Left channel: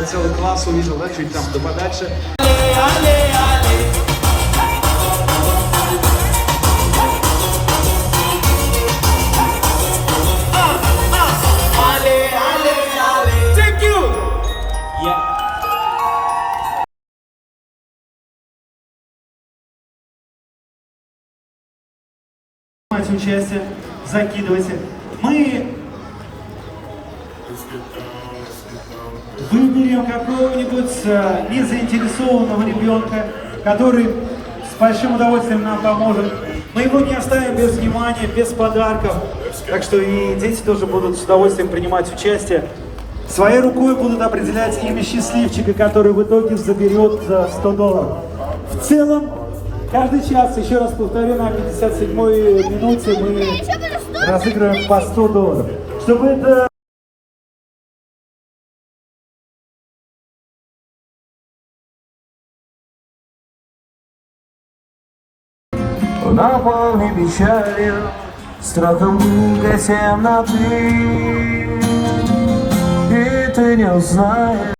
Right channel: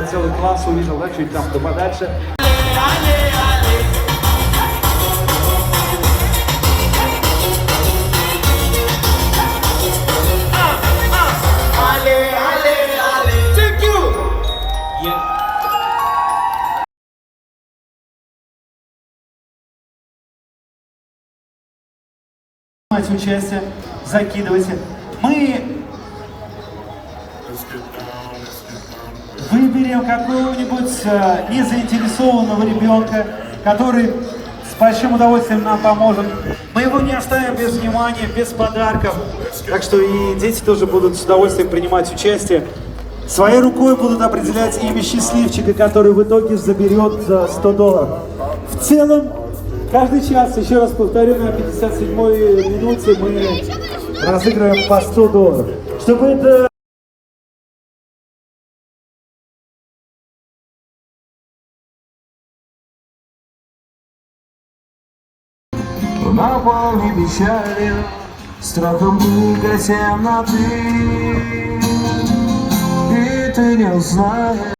тебя целый класс увидел, да, чуть там, да подальше. Участие, закидывайте. Мы выберем какого-нибудь незаинтересованного ребенка, который с большим удовольствием нам поможет. Мы его не оставим без внимания, без подарков. Так что и дети тоже будут с удовольствием принимать участие. Своей рукой будут определять имя счастливчика, который в итоге заберет $100. В целом, каждый час, еще раз повторю, на 57-й минуте мы разыгрываем по $100. Чтобы это... Наполни печалью, страхом книга темноты, и ты не узнаешь.